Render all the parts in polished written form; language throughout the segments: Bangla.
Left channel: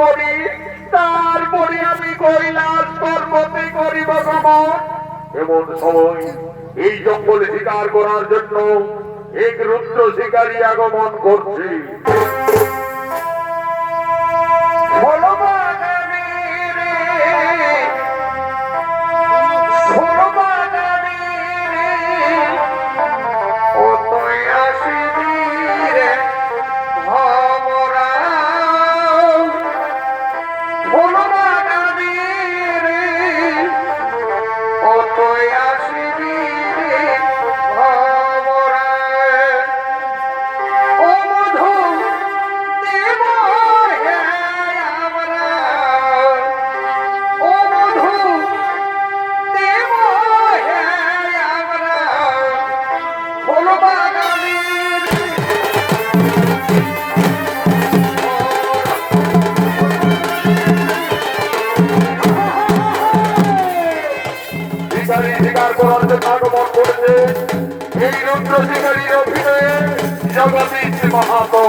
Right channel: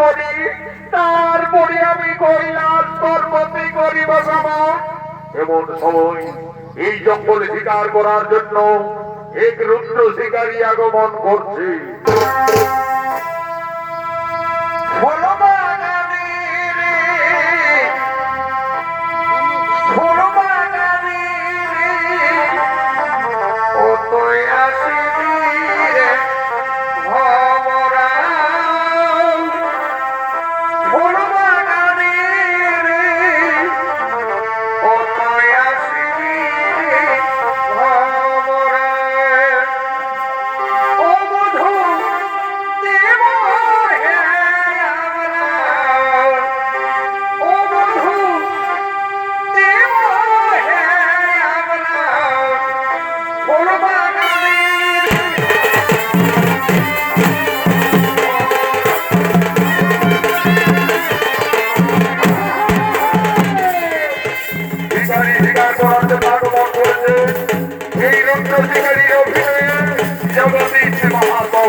করি, তারপরে আমি কৈলাস পর্বতে করিব গমন। এমন সময় এই জঙ্গলে শিকার করার জন্য এক রুদ্র শিকারী আগমন করছে। এই রুদ্র শিকারীর অভিনয়ে জগদীশ মাহাতো।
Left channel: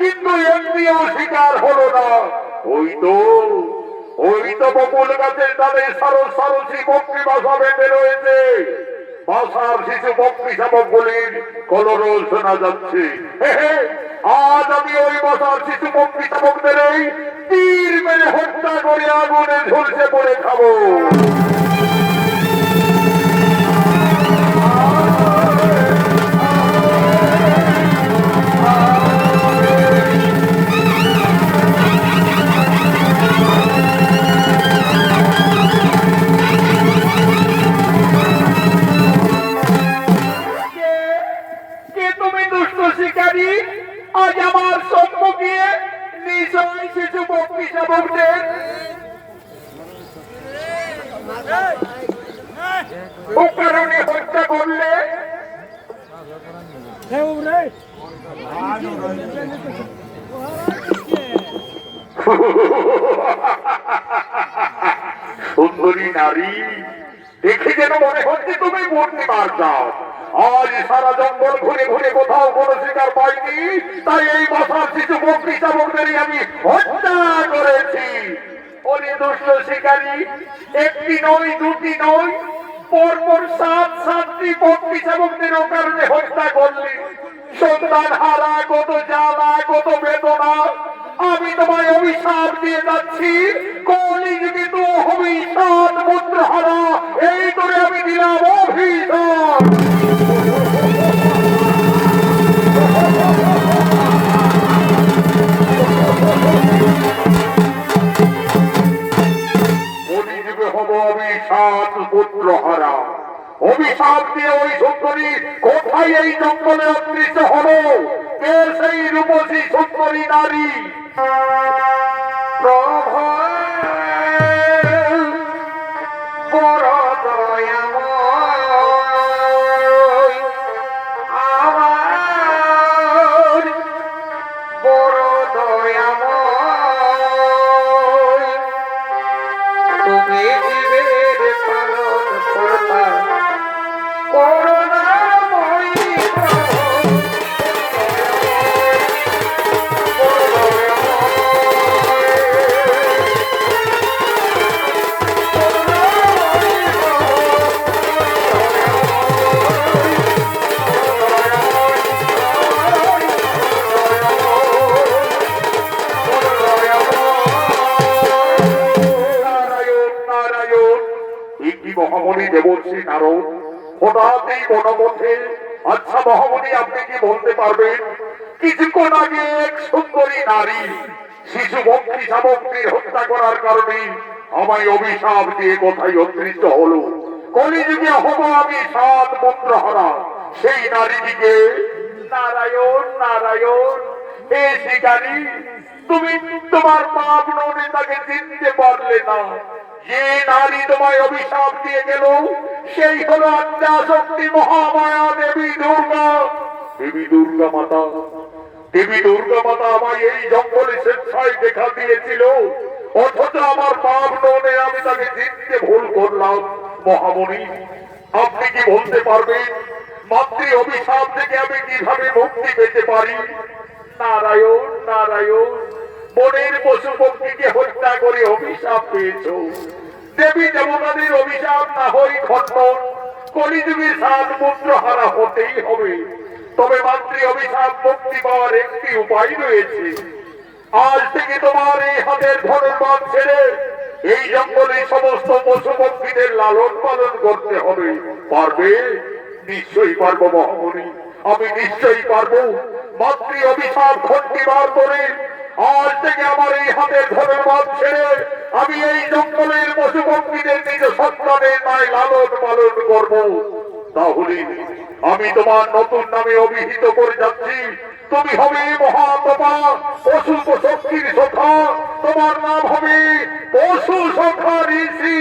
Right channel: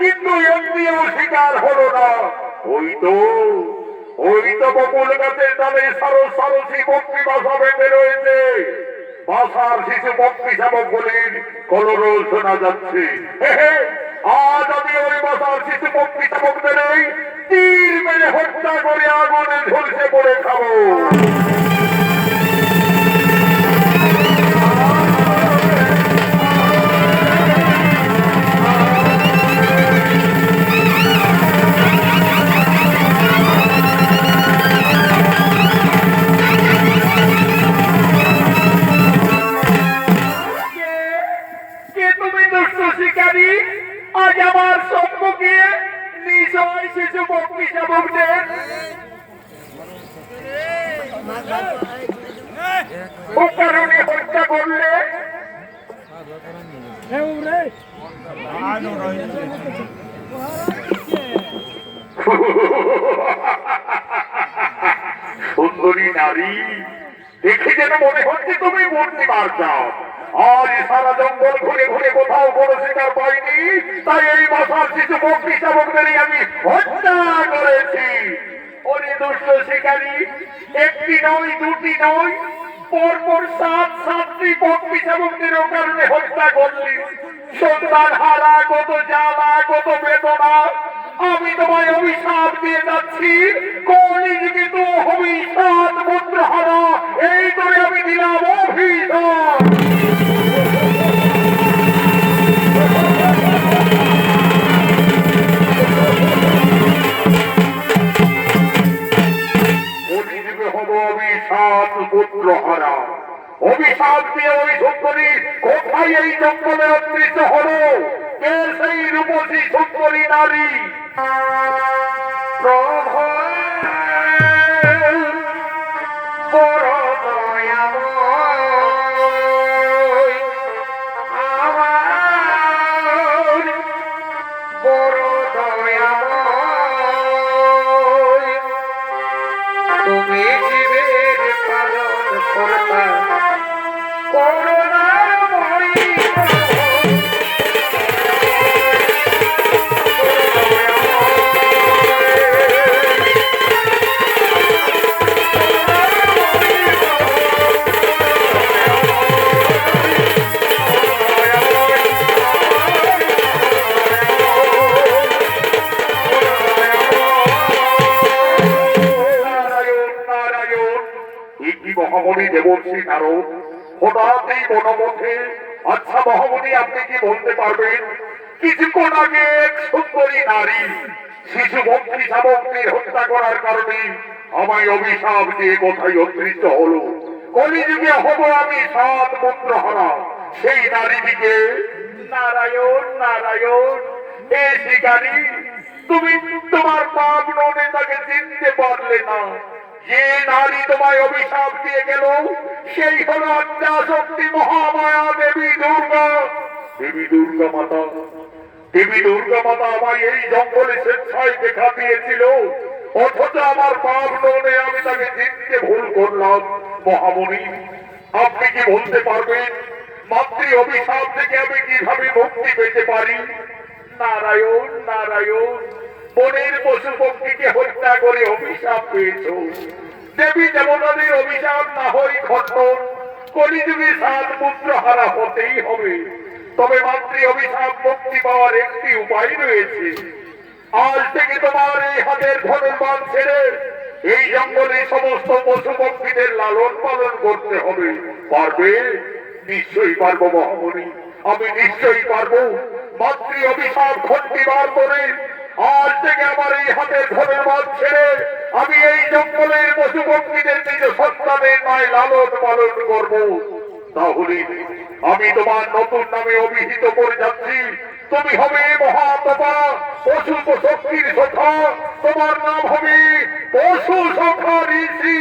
কিন্তু এমনিও শিকার হলো না। ওই তো বকুল গাছের ডালে সারসী পক্ষী বাসা বেঁধে রয়েছে। বাসার শিশু পক্ষী শাবকগুলির কলরব শোনা যাচ্ছে। আজ আমি ওই বাসার শিশু পক্ষী শাবকদের তীর মেরে হত্যা করে আগুনে ঝলসে পড়ে খাবো। কারণে হত্যা করলে সুন্দরী নারী দেখে যেন মনে হচ্ছে তুমি মূর্তি মার যাও। আজ সারা জঙ্গল ঘুরে ঘুরে কোথাও কোনো শিকার পাইনি, তাই এই বছর শিশু পক্ষী শাবকদেরই আমি হত্যা করেছি। ওরে দুষ্ট শিকারী, একটি নয় দুটি নয় তোর সাত সাতটি পক্ষী শাবকদের কারণে হত্যা করলি। সন্তান হারা, কত জ্বালা, কত বেদনা। আমি তোমায় অভিশাপ দিয়ে যাচ্ছি, কলিযুগে তো অভিশাপ পুত্র হারা। এই করে আমি দিলাম অভিশাপ। কলিযুগে হব অভিশাপ পুত্র হারা। অভিশাপ দিয়ে ওই সুন্দরী কোথায় এই জঙ্গলে অদৃশ্য হলো? কে সেই রূপসী সুন্দরী নারী? প্রভু বড় দয়াময়, আমার বড় দয়াময়, তুমি জীবের পালন কর্তা, করুণাময়ী মহামণি দেবর্ষী নারদ হঠাৎ এই বনপথে। আচ্ছা মহামণি, আপনি কি বলতে পারবেন কিছুক্ষণ আগে এক সুন্দরী নারী শিশু পক্ষী শাবককে হত্যা করার কারণে আমায় অভিশাপ দিয়ে কোথায় অদৃশ্য হলো? কলিযুগে হব আমি সাত পুত্র হারা। সেই নারীটিকে নারায়ণ নারায়ণ এ শিকারী, তুমি তোমার পাপ ননে তাকে চিনতে পারলে না। যে নারী তোমায় অভিশাপ দিয়ে গেল সেই হল আদ্যা শক্তি মহামায়া দেবী দুর্গা। দেবী দুর্গা মাতা, দেবী দুর্গা মাতা আমায় এই জঙ্গলে স্বেচ্ছায় দেখা দিয়েছিল, অথচ আমার পাপ ননে আমি তাকে চিনতে ভুল করলাম। মহামণি, আপনি কি বলতে পারবেন মাতৃ অভিশাপ থেকে আমি কিভাবে মুক্তি পেতে পারি? নারায়ণ নারায়ণ, বনের পশু পক্ষীকে হত্যা করে অভিশাপ পেয়েছ। দেবী দেবতাদের অভিশাপ না হই খণ্ডন, কলিযুগে সাত পুত্র হারা হতেই হবে। তবে মাতৃ অভিশাপ মুক্তি পাওয়ার একটি উপায় রয়েছে। আজ থেকে তোমার এই হাতের ধনুর্বাণ ছেড়ে এই জঙ্গলে সমস্ত পশু পক্ষীদের লালন পালন করতে হবে। পারবে? নিশ্চয়ই পারবো মহামণি, আমি নিশ্চয়ই পারবো। মাতৃ অভিশাপ খণ্ডিবার করে আজ থেকে আমার এই হাতের ধনুর্বাণ ছেড়ে আমি এই জঙ্গলের পশু পক্ষীদের নিজ সন্তানের ন্যায় লালন পালন করব। তাহলে আমি তোমার নতুন নামে অভিহিত করে যাচ্ছি। তুমি হবে মহাতপা পশু শক্তির সখা। তোমার নাম হবে পশু সখা ঋষি।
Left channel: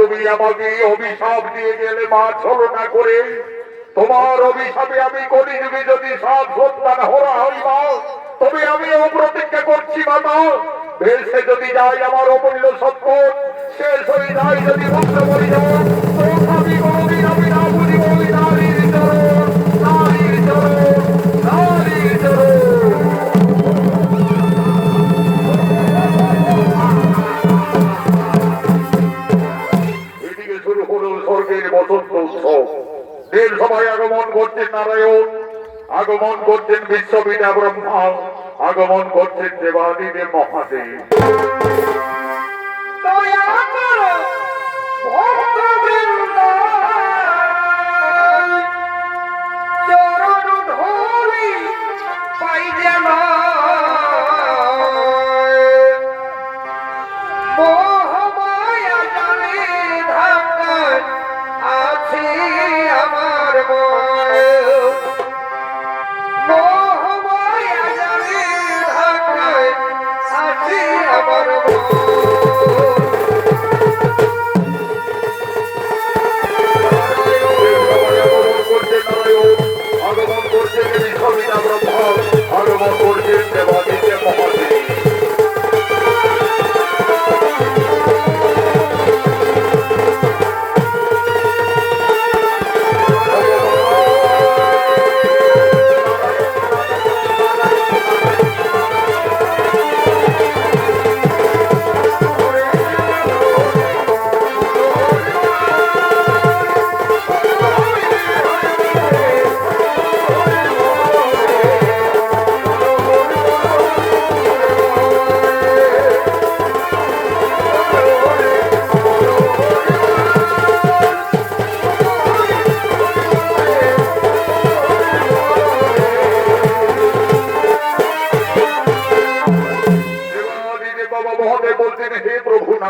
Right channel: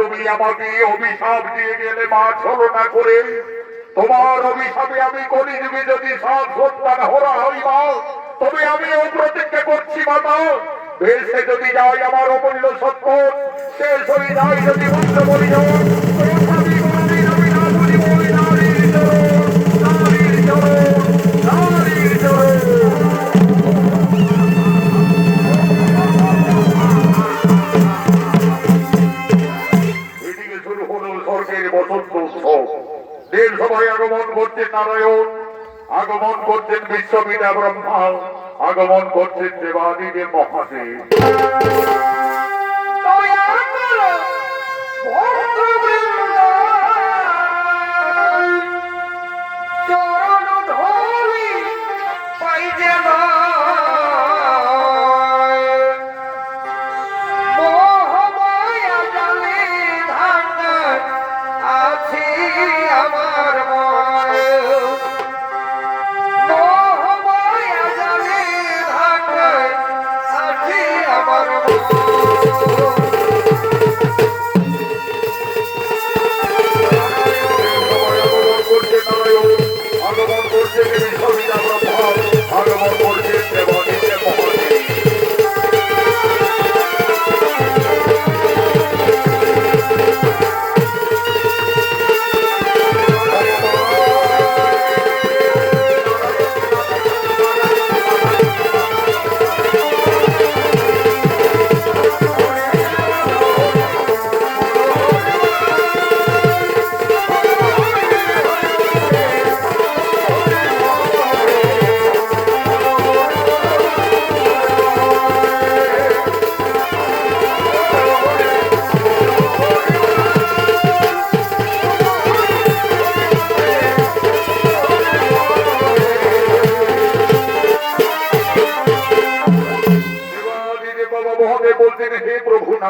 তুমি আমাকে অভিশাপ দিয়ে গেলে মা ছলনা করে। তোমার অভিশাপে আমি কলিযুগে যদি সাত সন্তান হরা হই মা, তবে আমি অপ্রতিজ্ঞা করছি মাতা, ভেসে যদি যাই আমার অমূল্য সম্পদ, শেষ হয়ে যায় যদি মাত্র বলি আমি কোনদিন আমি না বুঝিব ওই নারীর চরণ, নারীর চরণ, নারীর চরণ। স্বর্গের বসন্ত উৎসব। এর সবাই আগমন করছেন নারায়ণ, আগমন করছেন বিশ্ববিদ্যা ব্রহ্মা, আগমন করছেন দেবাদিদেব মহাদেব। চরণ ধরি পাই যেন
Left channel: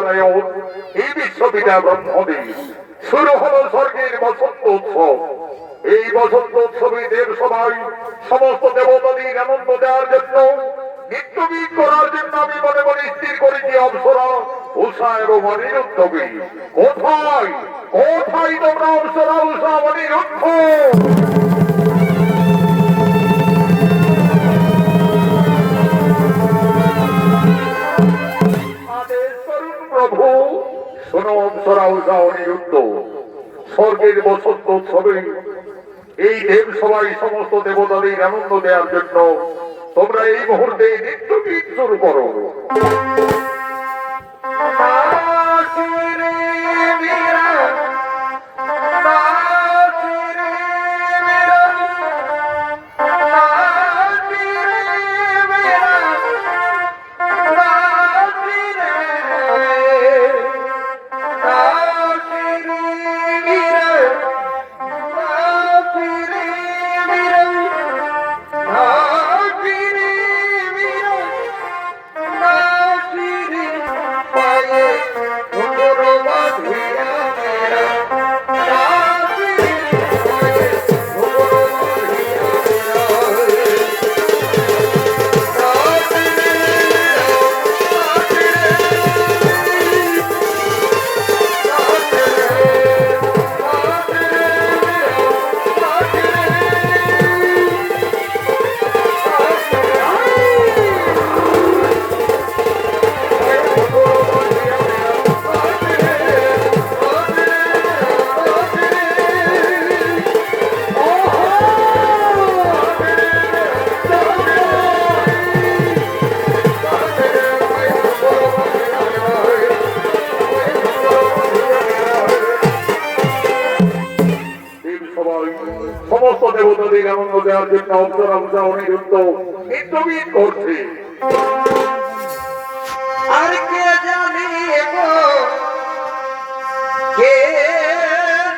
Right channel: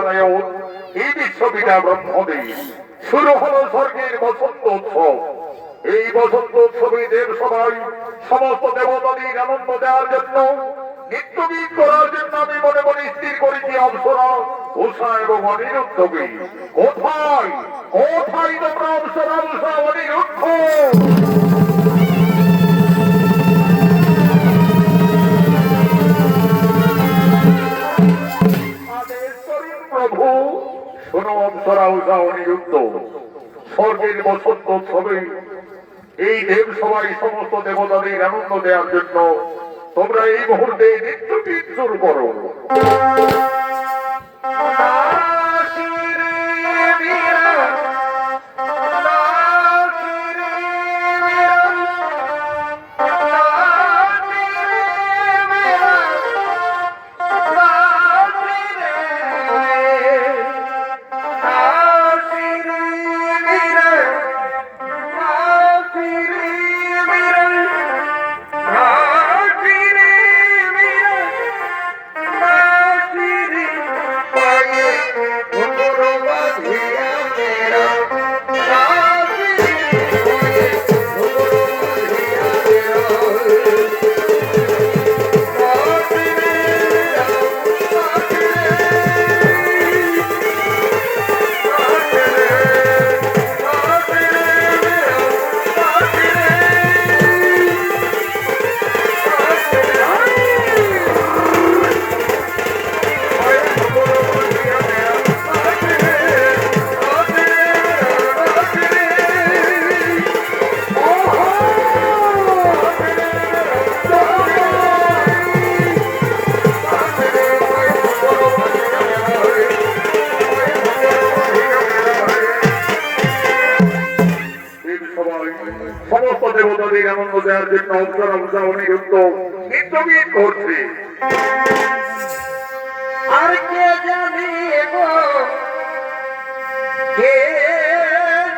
নারায়ণ এই বিশ্বপিতা ব্রহ্মদেব শুরু হলো স্বর্গের বসন্ত উৎসব। এই বসন্ত উৎসবে দেব সবাই সমস্ত দেবতাদের আনন্দ দেওয়ার জন্য নিত্যগীত করার জন্য আমি মনে মনে স্থির করেছি অপ্সরা উষা এবং অনিরুদ্ধকে। কোথায় কোথায় তোমরা অপ্সরা উষা অনিরুদ্ধ? প্রভু শোনো অপ্সরা উষা অনিরুদ্ধ, স্বর্গের বসন্ত উৎসবে এই দেব সবাই সমস্ত দেবতাদের আনন্দ দেওয়ার জন্য তোমরা এই মুহূর্তে নৃত্য গীত শুরু করো। সমস্ত দেবতাদের আনন্দ দেওয়ার জন্য অপ্সরা উষা অনিরুদ্ধ নৃত্যগীত করছে। আর কে জানি গো, কে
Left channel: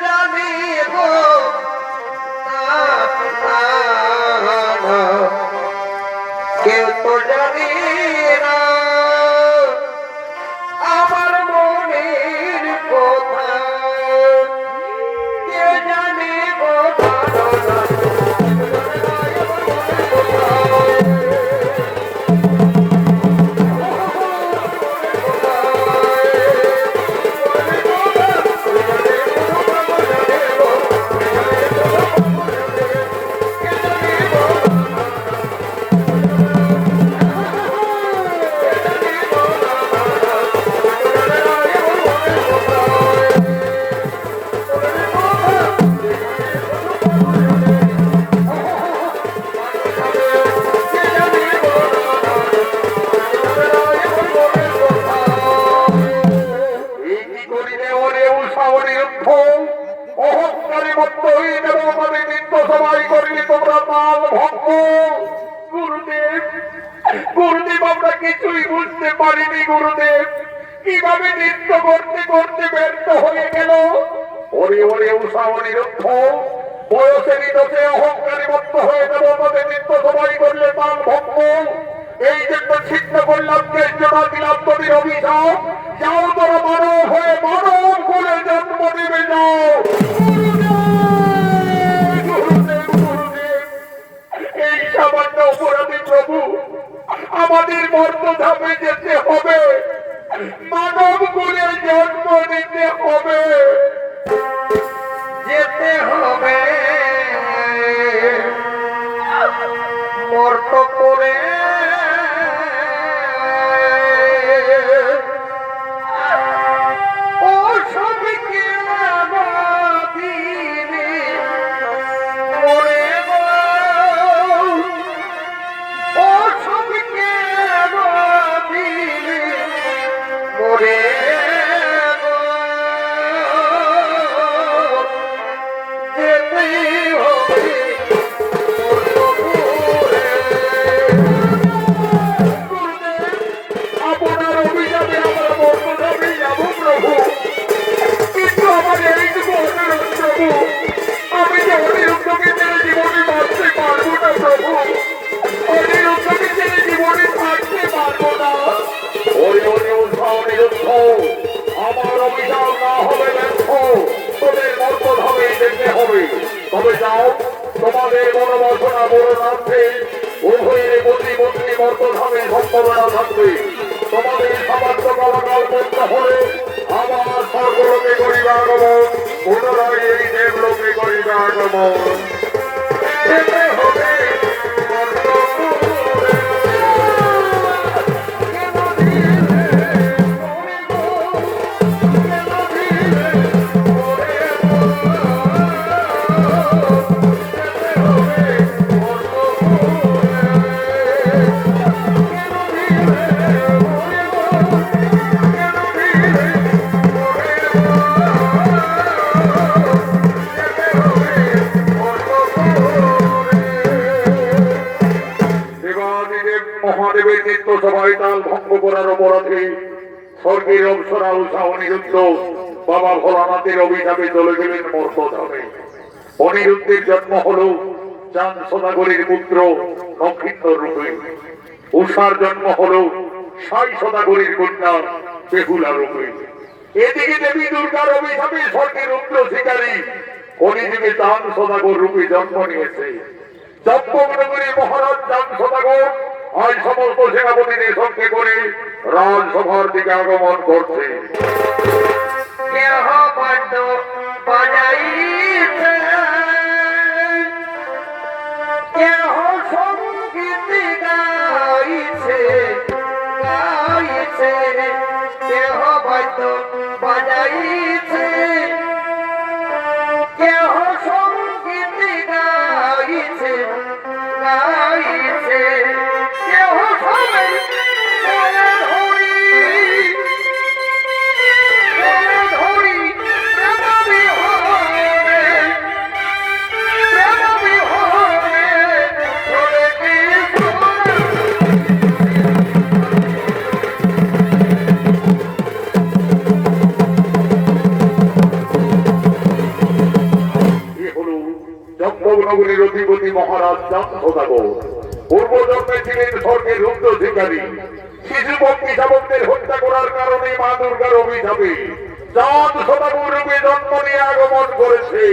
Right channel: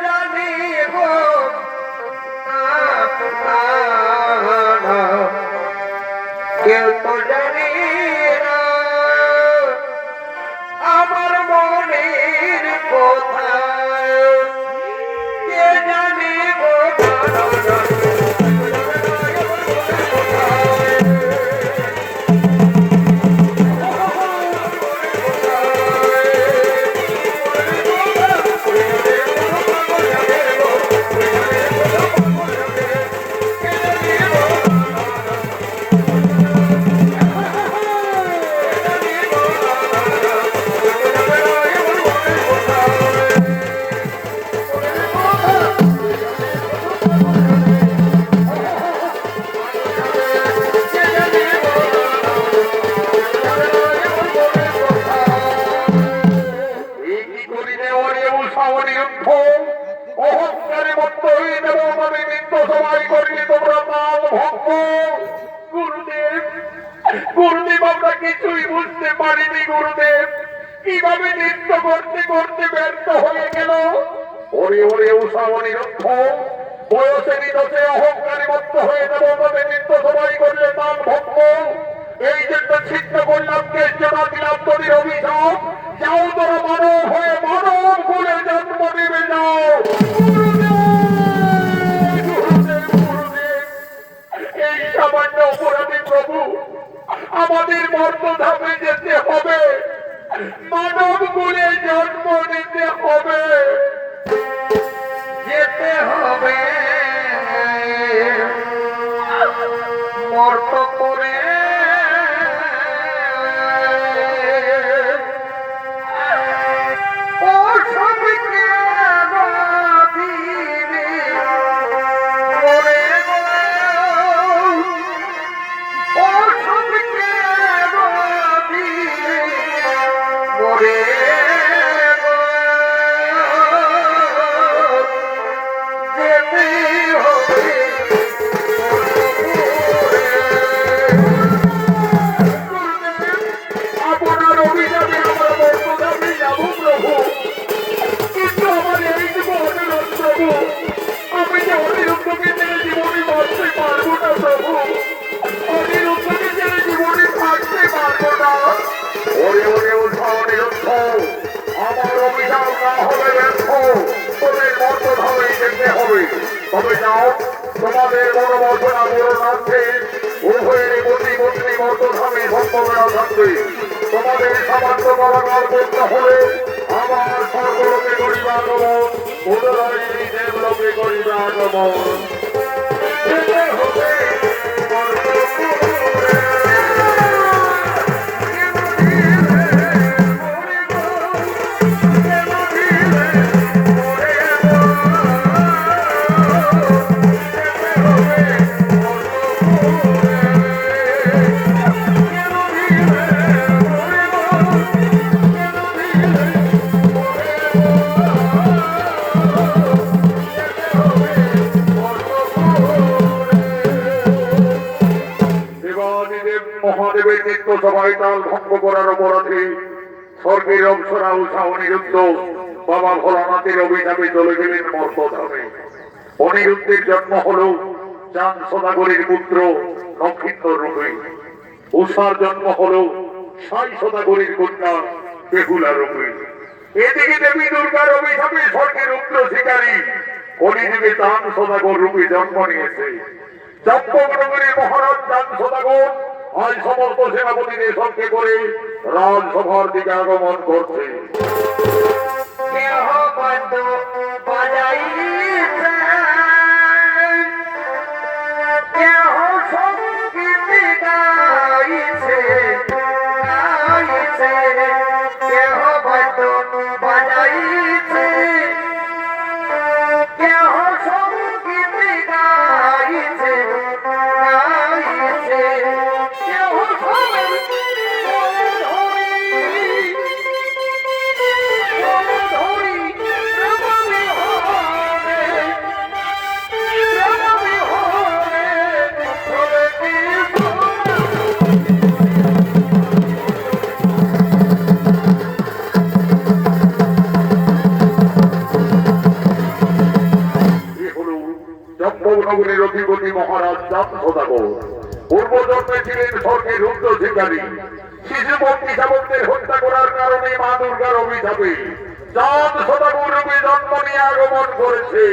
জানি গো, কেউ তো জানি না আমার মনের কথা, কে জানি গো অহংকারী মত্ত হয়ে যাবে আমাদের নিত্য সবাই করি তোমরা তাল ভক্ত। গুরুদেব গুরুদেব আমরা কিছুই বুঝতে পারিনি গুরুদেব, কিভাবে নৃত্য করতে করতে ব্যর্থ হয়ে গেল। ওরে ওরে উষা অনিরুদ্ধ, বয়সেরই দোষে অহংকারী মত্ত হয়ে যাবে আমাদের নিত্য সবাই করলে তাল ভক্ত। এই জন্য ছিন্ন করলাম, কেষ্টনা দিলাম তোদের অভিশাপ। যাও তোরা মানব হয়ে মানব করে জন্ম দেবে যাও। এই সামান্য অপরাধী প্রভু আমাদের মর্তধামে যেতে হবে, মানব করে জন্ম নিতে হবে, যেতে হবে মর্ত করে। ও সবকে দিবে মরে গো, ও সবকে দিবে মরে গো, যেতে হবে মর্ত করে। তবে যাও তোমাদের মনোবাসনা পূরণার্থে উভয়ের প্রতিমন্ত্রী মর্তধামে সম্ভাবনা থাকবে। তোমাদের সামান্য কারাগার করতে হলে আমার স্বর্গলোকে করিবে আগমন, পুনরায় এই দেবলোকে করিবে আগমন। যেতে হবে মহাদেবের নিত্য সভায় তাল ভঙ্গ করার অপরাধে স্বর্গের অংশরা উৎসাহ অনিরুদ্ধ বাবা ভোলানাথের অভিশাপে চলে গেলেন মর্তধামে। অনিরুদ্ধের জন্ম হল চাঁদ সদাগরের পুত্র নক্ষত্র রূপে। উষার জন্ম হল সাই সদাগরের কন্যা বেহুলা রূপে। এদিকে দেবী দুর্গার অভিশাপে স্বর্গের রুদ্র শিকারী কলিযুগে চাঁদ সদাগর রূপে জন্ম নিয়েছে। চম্পকনগরী মহারাজ চাঁদ সদাগর আজ সমস্ত সেনাপতিদের সঙ্গে করে রাজসভার দিকে আগমন করছে। চম্পকনগরের অধিপতি মহারাজ চাঁদ সদাগর পূর্ব জন্মে ছিলেন স্বর্গের রুদ্র শিকারী। শিশু বন্দী শাবকদের হত্যা করার কারণে মা দুর্গার অভিশাপে চাঁদ সদাগর রূপে জন্ম নিয়ে আগমন করেছে।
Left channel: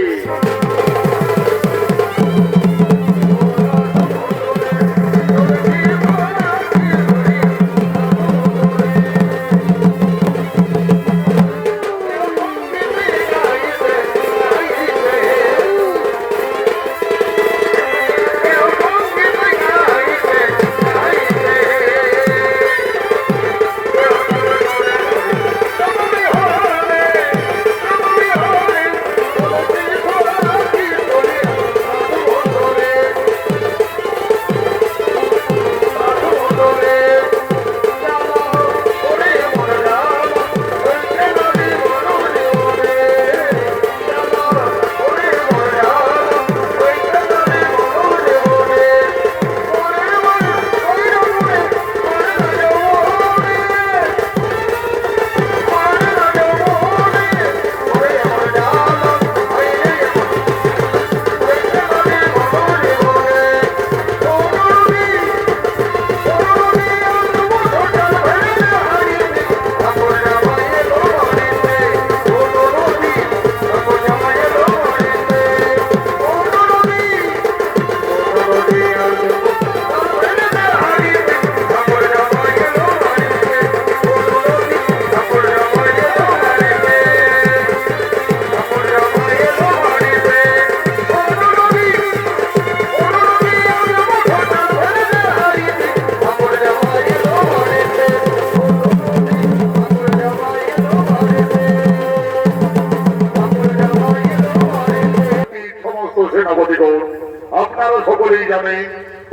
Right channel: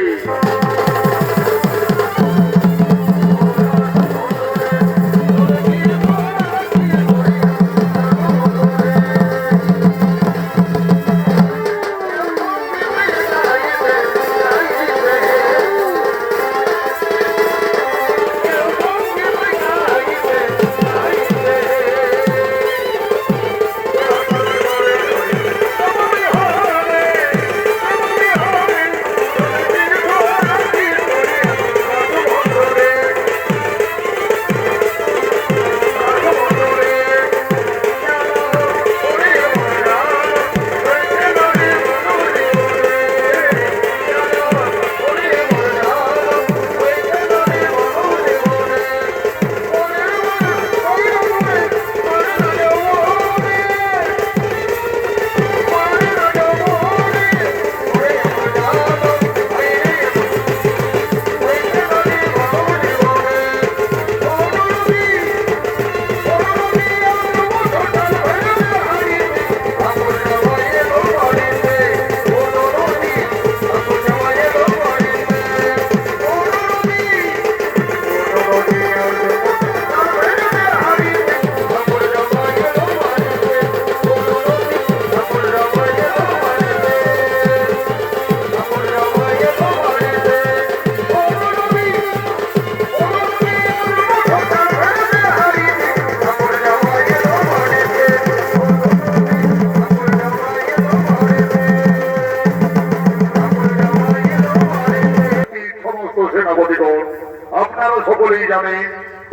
আপনারা সকলেই জানেন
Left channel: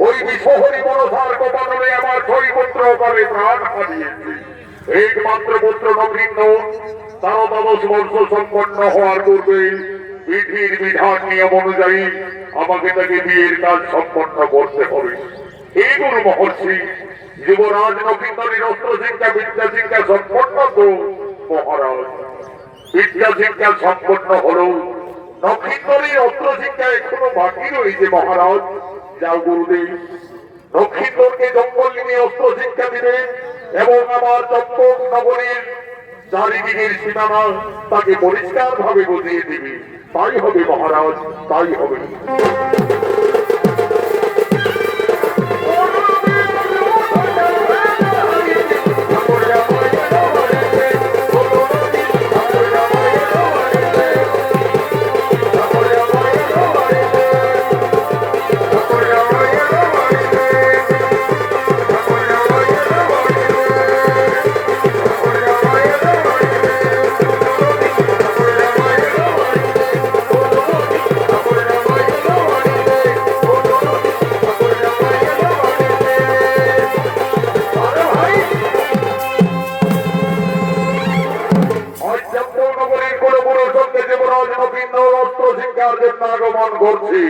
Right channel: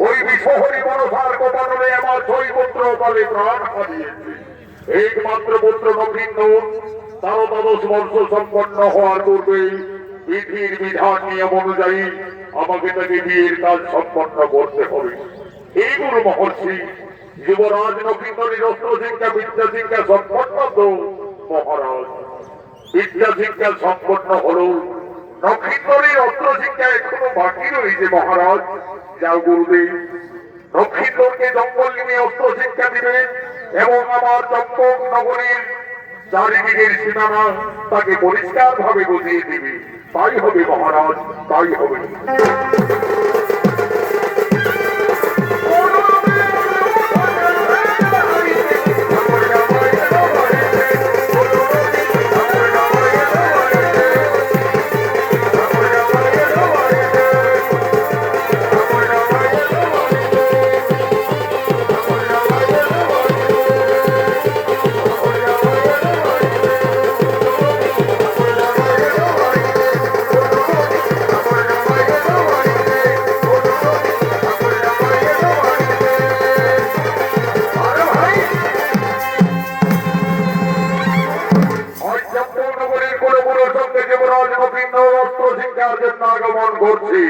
ওই বিশ্বহরি মনসার কোপানলে আমার ছয় পুত্র করে প্রাণ হারিয়েছে। একমাত্র পুত্র নবীন তারও 12 বর্ষ সম্পন্ন হওয়ার পূর্বে বিধির বিধান নিয়ম অনুযায়ী আমাকে তাকে বিয়ের কাজ সম্পন্ন করতে হবে। এই গুরু মহর্ষি যুবরাজ নবীনের অস্ত্র শিক্ষা বিদ্যা শিক্ষা সম্পন্ন তো মহারাজ বিদ্যা শিক্ষা সম্পন্ন হলো, নক্ষত্রের অস্ত্র শিক্ষা এখনো বাকি রয়েছে মহারাজ। যাও গুরুদেব, নক্ষত্রকে জঙ্গল নিয়ে অস্ত্র শিক্ষা দিবে এবং আমার চম্পক নগরীর চারিদিকের সীমানা তাকে পরিষ্কার ভাবে বুঝিয়ে দিবে। তাই হবে মহারাজ, তাই হবে। আগমন করছি।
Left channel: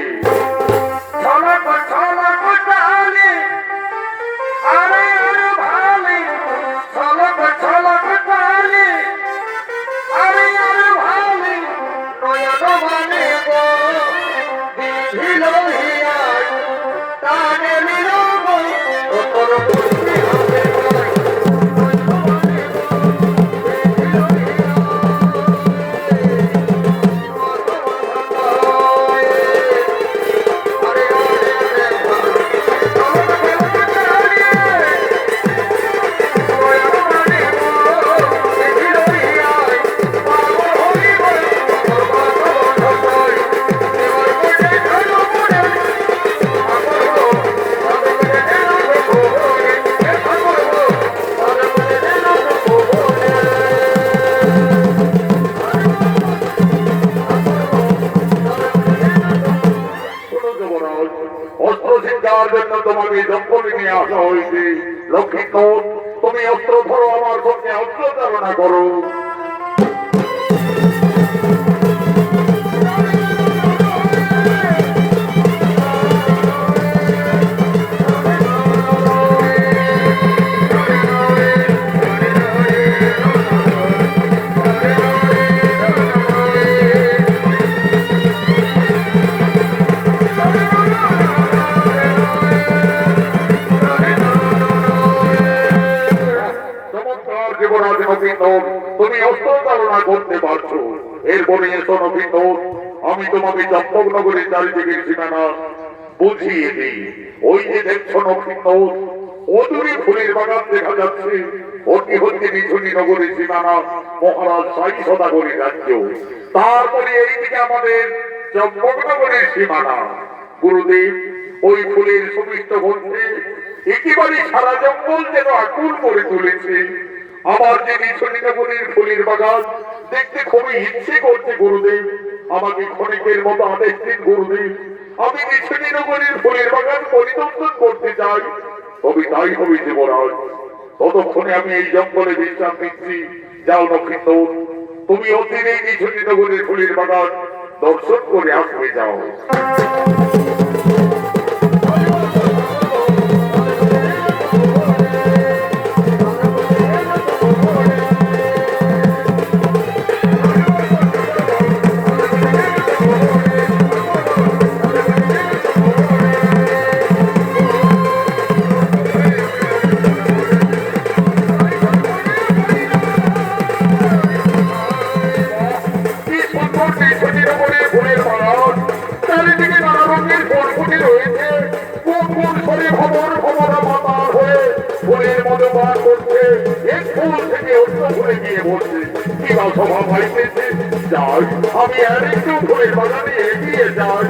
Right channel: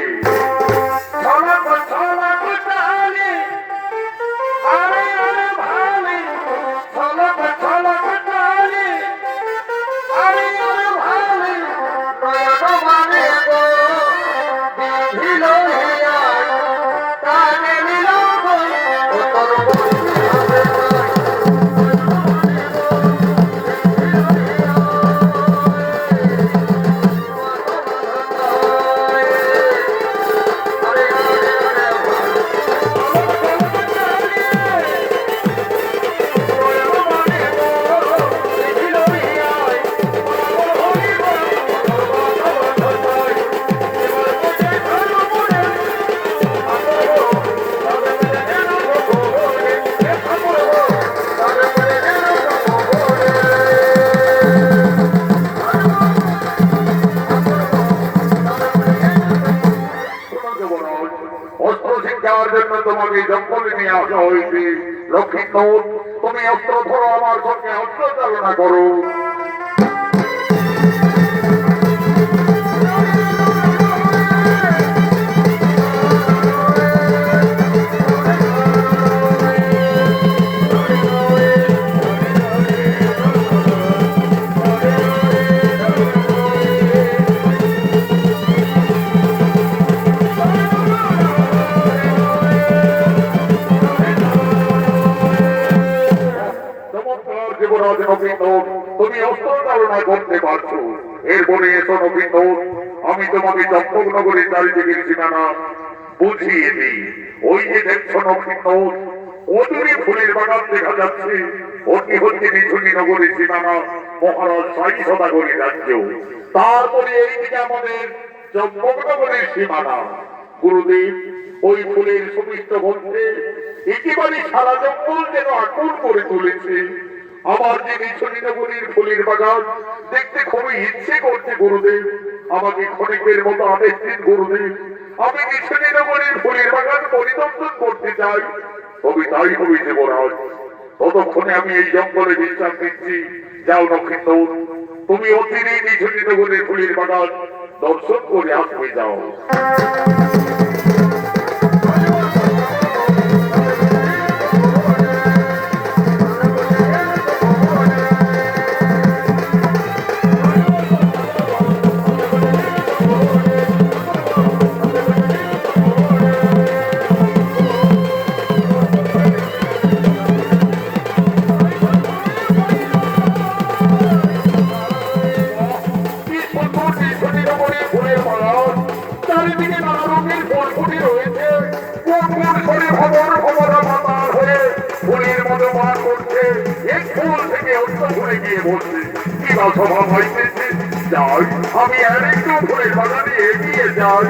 তোমাকে জঙ্গলে নিয়ে আসা হয়েছে। লক্ষ্মীন্দর, তুমি অস্ত্র ধরো, আমার সঙ্গে অস্ত্র চালনা করো। তুমি অস্ত্র চালনা করতে পারছো। এরপরে এসো নবীন্দর, আমি তোমাকে চম্পকনগরের চারিদিকের ঠিকানা বুঝিয়ে দিই। ওই যে দেখছো নবীন্দর, অদূরে ফুলের বাগান দেখা যাচ্ছে। অতি হচ্ছে নিঝুনি নগরীর ঠিকানা মহারাজ সাই সদাগরী রাজ্য। তারপরে এইদিকে আমাদের চম্পকনগরের সীমানা। গুরুদেব, ওই ফুলের সুমিষ্ট গন্ধে একেবারে সারা জঙ্গল যেন আকুল করে তুলেছে। আমার যে নিছনিনগরীর ফুলের বাগান দেখতে খুবই ইচ্ছে করছে গুরুদেব। আমাকে ক্ষণিকের মতো আদেশ দিন গুরুদেব, আমি নিছনিনগরীর ফুলের বাগান পরিদর্শন করতে চাই। তবে তাই হবে দেবরাজ। ততক্ষণে আমি এই জঙ্গলে বিশ্রাম নিচ্ছি। যাও লক্ষ্মীন্দর, তুমি অচিরেই নিছনিনগরীর ফুলের বাগান দর্শন করে আসবে। যাও। ফুলের মতো বার করছে, এক ফুল থেকে অন্য ফুলে গিয়ে বসছে। কি বা স্বভাব হইতেছে। যাই, আমি আর একটু ফুলের বাগানে এগিয়ে যাই।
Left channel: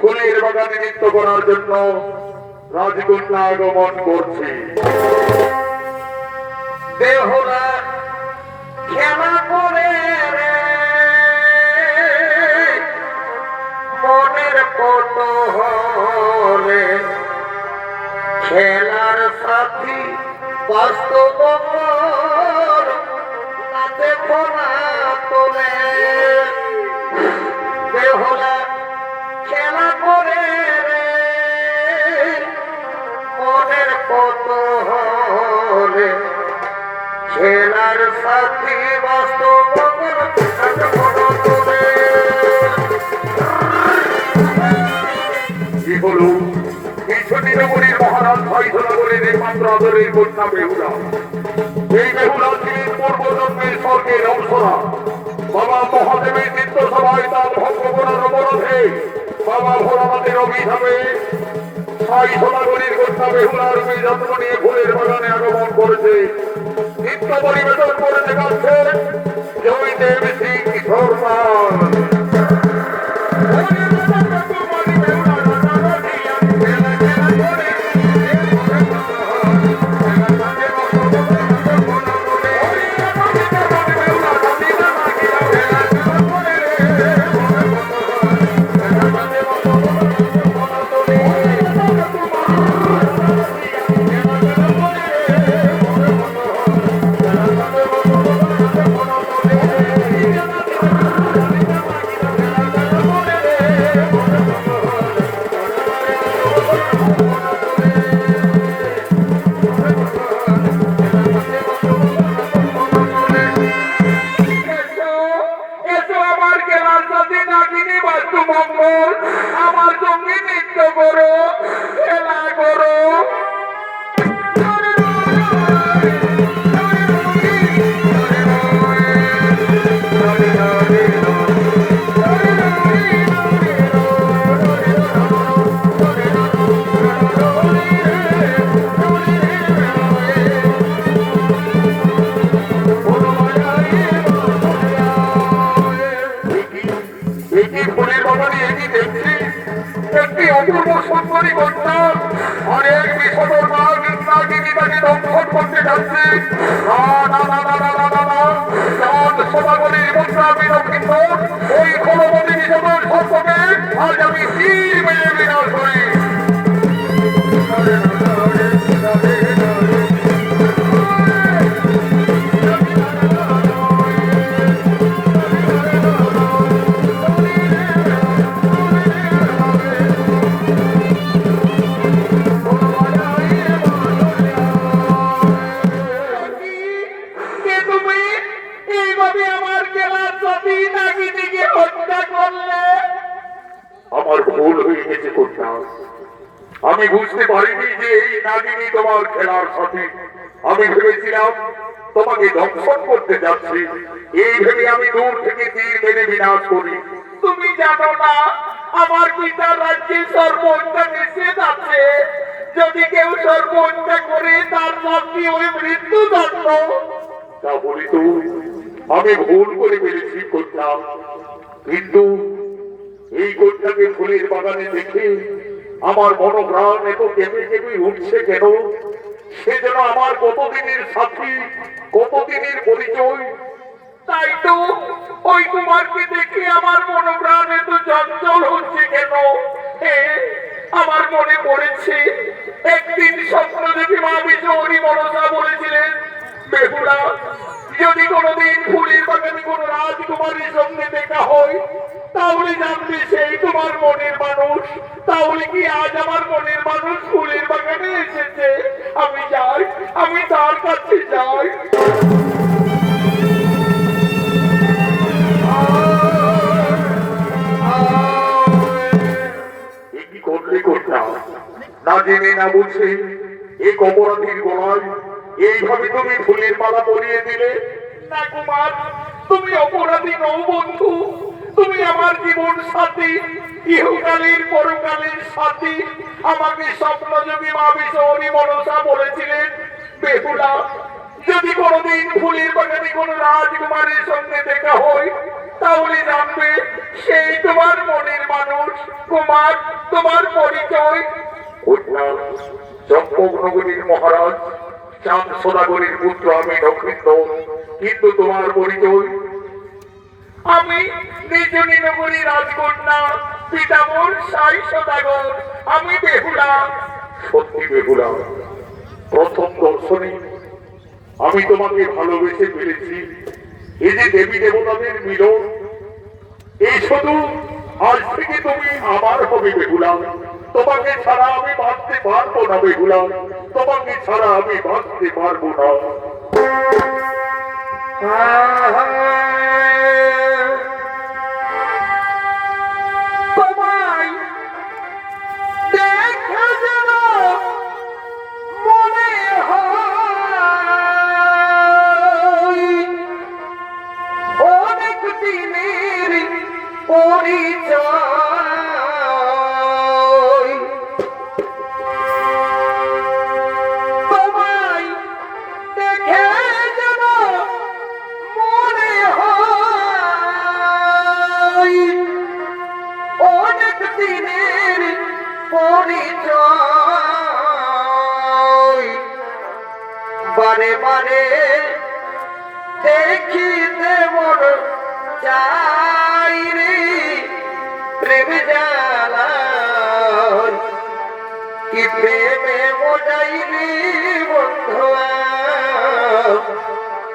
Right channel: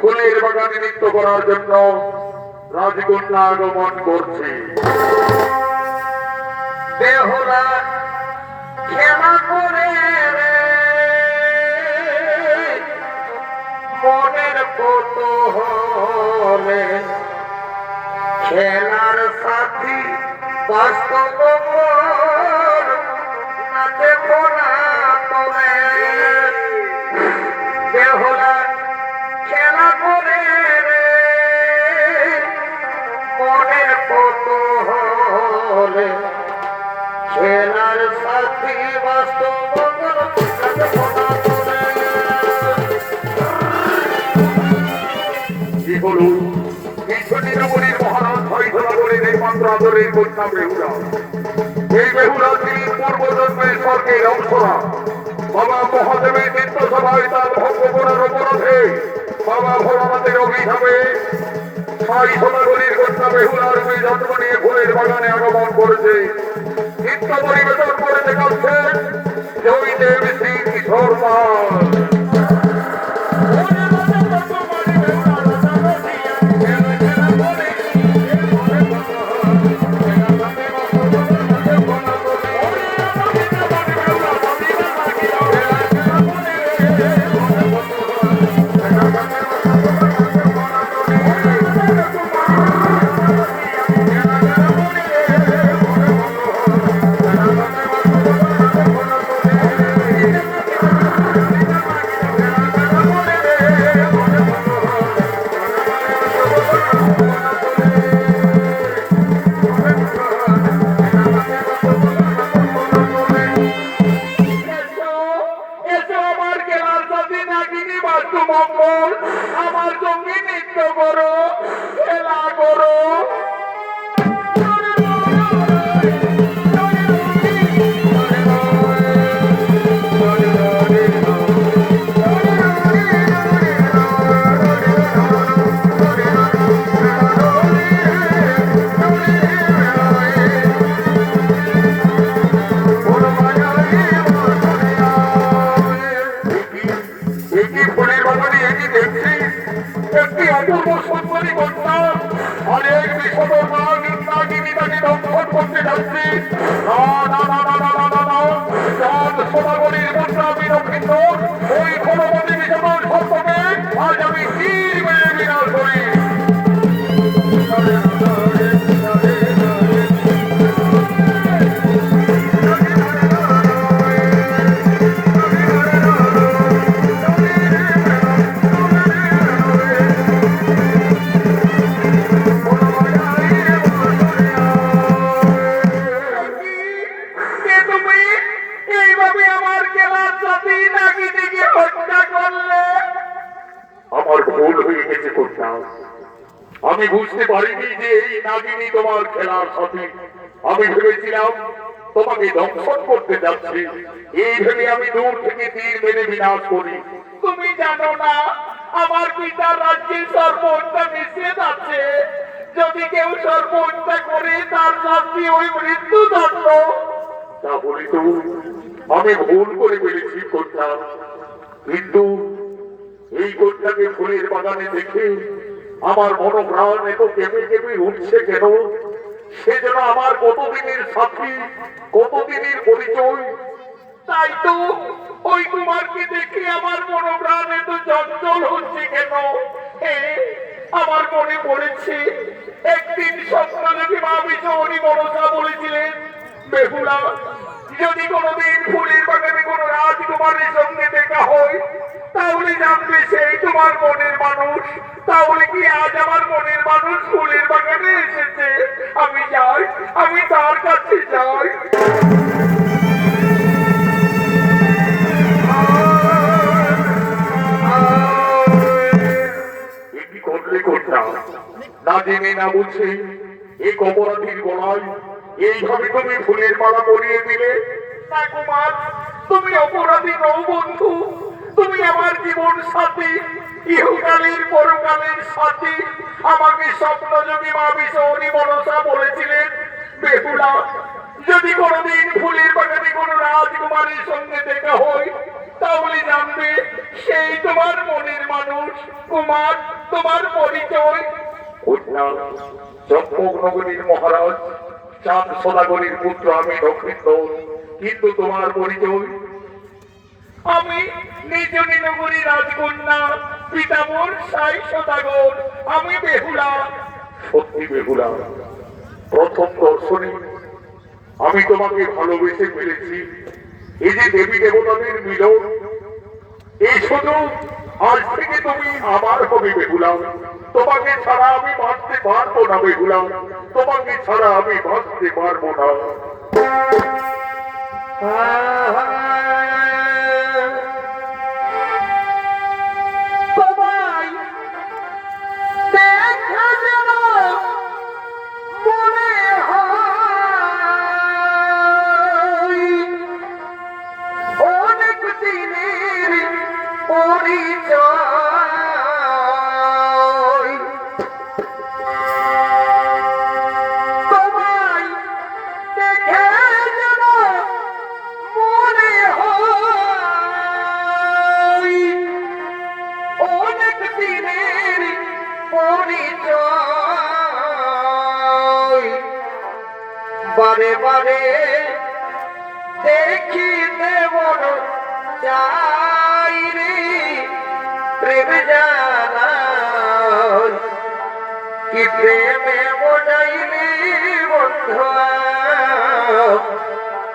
ফুলের বাগানে নৃত্য করার জন্য রাজকন্যা আগমন করছে। দেহরা খেলা করে রে মনের কৌতূহলে খেলার সাথী বাস্তব না দেখো না তোলে বেহুলা খেলা করে রে মনের কৌতূহলে খেলার সাথী বাস্তব না দেখো না তোলে। কি হলো নীলমণির মহারাজ হয়ধরা বলে একমাত্র আদরের কন্যা বেহুলা। এই বেহুলা তিনি পূর্বজন্মের স্বর্গের অংশরা। বাবা মহাদেবের নিত্য সভায় তার ভঙ্গ করার অপরাধে বাবা ভোলানাথের অভিশাপে সাই সোনাগরীর কন্যা বেহুলার জন্ম নিয়ে ফুলের বাগানে আগমন করেছে। নিত্য পরিবেশন করে দেখাচ্ছে জয়দেব সিং শর্মা। আমার সঙ্গে নৃত্য করো, খেলা করো। অপূর্ব সুন্দরী কন্যা অনেক বিষধর নাগ নাগিনী তাকে দংশন করতে যাচ্ছে। সদাগরীর মুদ্রা আমি দক্ষিণ ওই খলবতী বিষধর সর্পকে আজ আমি তীর মেরে বিনাশ করি। আমার ভুল হয়ে গেছে কন্যা। আমি বুঝতে পারিনি যে এই নাগিনী তোমার খেলার সাথী। আমি ভেবেছিলাম তোমাকে দংশন করতে যাচ্ছি। এই ভেবে আমি দূর থেকে তীর মেরে বিনাশ করি। তুমি জানো না আমার পিতার রাজ্যে সর্বহত্যা নিষেধ আছে। যদি কেউ সর্বহত্যা করে তার শাস্তি ওই মৃত্যুদণ্ড। তাহলে তো আমি ভুল করে ফেলেছি কন্যা। কিন্তু এই কন্যাকে ফুলের বাগানে দেখে আমার মনোপ্রাণ এত কেঁপে কেঁপে উঠছে কেন? সে যেন আমার কতদিনের সাথী, কতদিনের পরিচয়। তাই তো ওই কুমারকে দেখে আমার মনোপ্রাণ এত চঞ্চল হচ্ছে কেন? আমার মনে পড়েছে একদিন স্বপ্ন দেখে মা বিশ্বহরি মনসা বলেছিলেন, বেহুলা যদি কোনোদিন ফুলের বাগানে কোনো রাজকুমারীর সঙ্গে দেখা হয় তাহলে জানবে সেই তোমার মনের মানুষ। তাহলে কি আজ আমার মনের মানুষ ফুলের বাগানে এসেছে? আমি যাই, আমি তার কাছে যাই। কি করলে কন্যা? না জেনে না বুঝে এই অপরাধীর গলায় এইভাবে তুমি ফুলের মালা পরিয়ে দিলে। না কুমার, তুমি অপরাধী নও বন্ধু। তুমি আমার জীবন সাথী, ইহকালের পরকালের সাথী। আমাকে স্বপ্নযোগী মা বিশ্বহরি মনসা বলেছিলেন, বেহুলা যদি কোনোদিন ফুলের বাগানে কোনো রাজকুমারীর সঙ্গে দেখা হয় তাহলে জানবে সেই তোমার মনের মানুষ। কুমার, তোমার পরিচয়? চম্পকনগরীর মহারাজ চাঁদ সদাগরীর পুত্র আমি দক্ষিণ। কিন্তু তোমার পরিচয়? আমি নিজনী নগরী রাজকন্যা পিতা মোর সাই সদাগর, আমি বেহুলা। সত্যি বেহুলা, প্রথম দর্শনে আমি তোমাকে ভালোবেসে ফেলেছি। এই যে দেবী দেবতাদের মিলন, এই শুধু আজ থেকে তুমি আমার হবে বেহুলা। তোমাকে ছাড়া আমি বাঁচতে পারবো না বেহুলা, তোমাকে ছাড়া আমি বাঁচতে পারবো না। তোমায় দেখে যেন মনে হয় অনেক দিনের পরিচয়। তোমায় দেখে যেন মনে হয় অনেক দিনের পরিচয়। বারে বারে দেখিতে মন চাই রে প্রেম জানা, কি প্রেমে মোটাইলি বন্ধুয়া,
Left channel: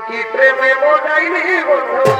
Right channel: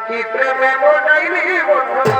কি প্রেমে মোটাইলি বন্ধুয়া।